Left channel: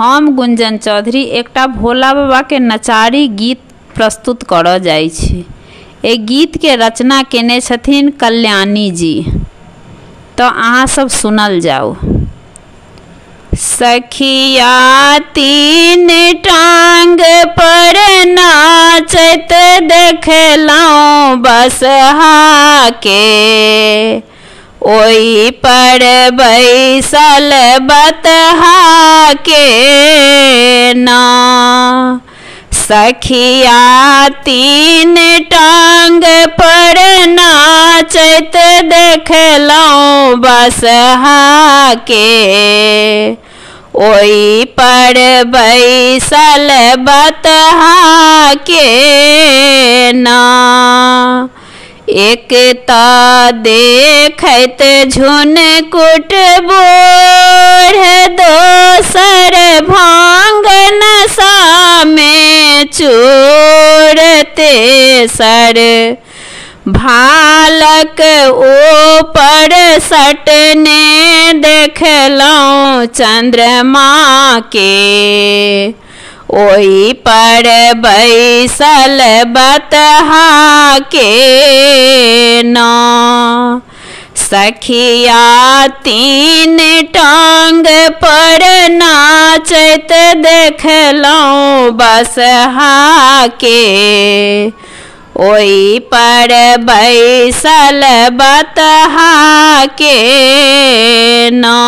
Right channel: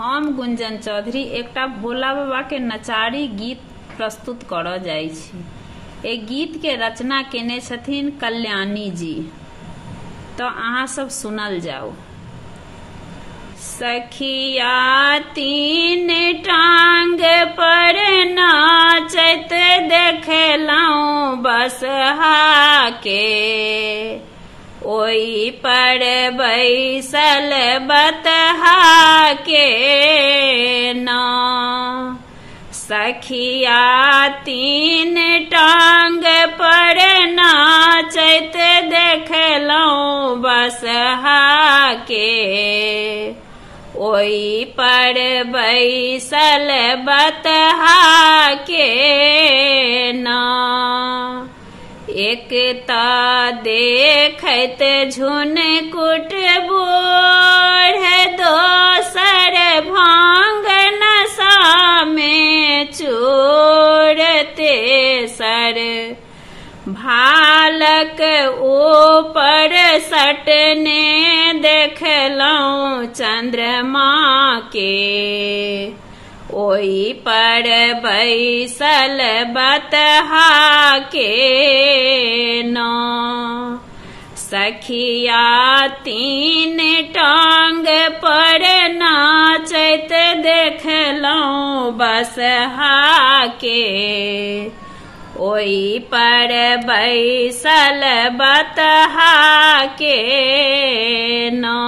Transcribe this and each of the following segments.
हम गुंजन चौधरी एकटा भोला बाबा के नचारी गीत प्रस्तुत करऽ जाइ छी। ए गीत के रचना केने छथिन कल्याणी जी। तो अहाँ सब सुनल जाओ। सखिया तीन टांग पर नाचत देखलौं बसहा के, ओई पर बैसल बतहा के ना। सखिया तीन टांग पर नाचत देखलौं बसहा के, ओई पर बैसल बतहा के ना। एक ता देखत झुन कुट बोढ़, दोसर भांग नशा में चूर, तेसर भालक ऊपर सटने देखलौं चंद्रमा के, ओई पर बैसल बतहा के ना। सखिया तीन टांग पर नाचत देखलौं बसहा के, ओई पर बैसल बतहा के ना।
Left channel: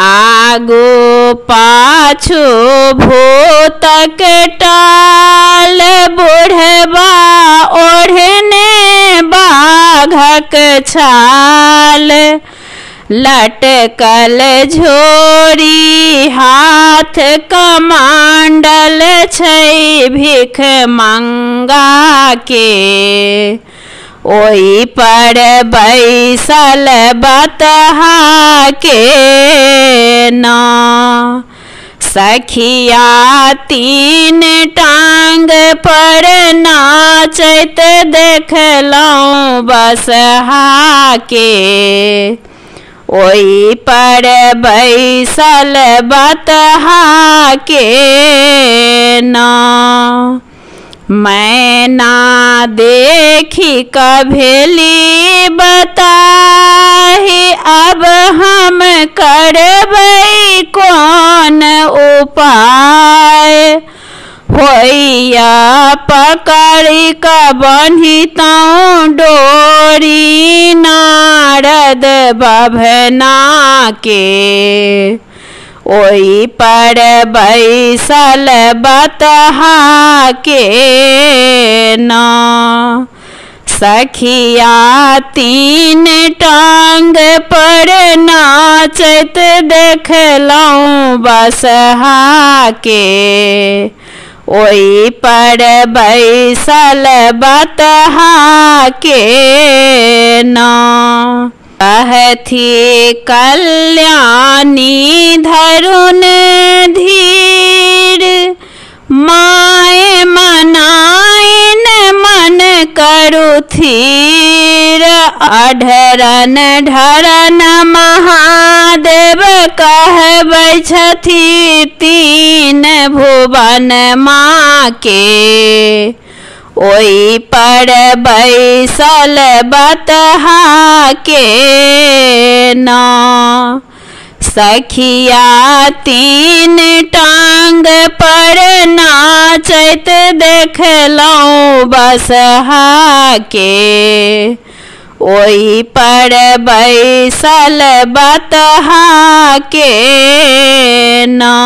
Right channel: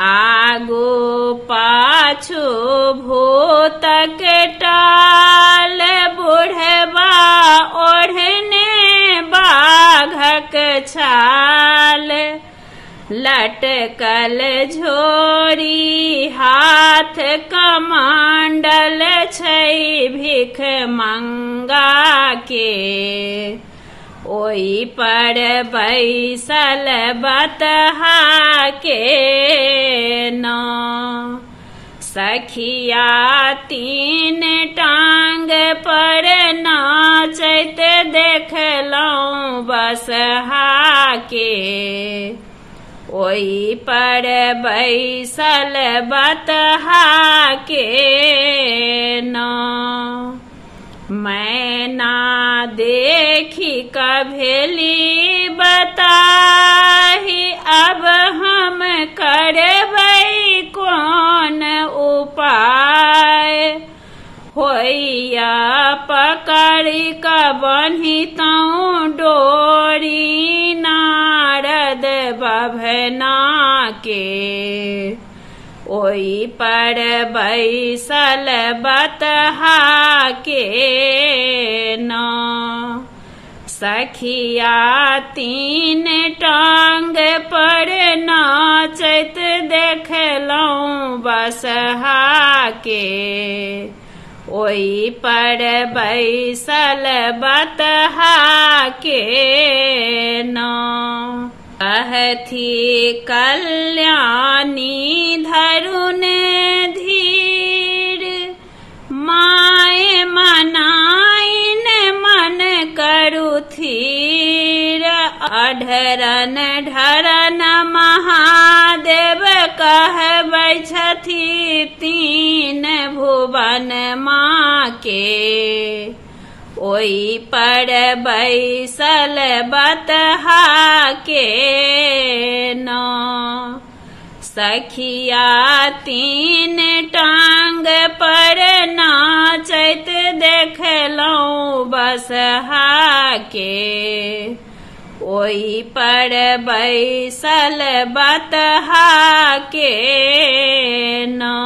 आगू पाछू भूतक टाल, बुढ़वा ओढ़ने बाघक छाल, लटकल झोरी हाथ कमांडल छै भिख मंगा के, ओई पर बैसल बतहा के ना। सखिया तीन टांग पर नाचत देखलौं बसहा के, ओई पर बैसल बतहा के ना। मैना देखी कभेली बताही, अब हम करबै कौन उपाय। होइया पकड़ी का बन्हितौं डोरी, नारद बभना के, ओई पर बैसल बतहा के ना। सखिया तीन टांग पर नाचत देखलौं बसहा के, ओई पर बैसल बतहा के ना। कहथी कल्याणी धरुन धीर, माय मनाइन मन करु थीर। अढरन ढरन महादेव कहबै छथि तीन भुवन माँ के, ओई पर बैसल बतहा के ना। सखिया तीन टांग पर नाचत देखलौं बसहा के, ओई पर बैसल बतहा के ना।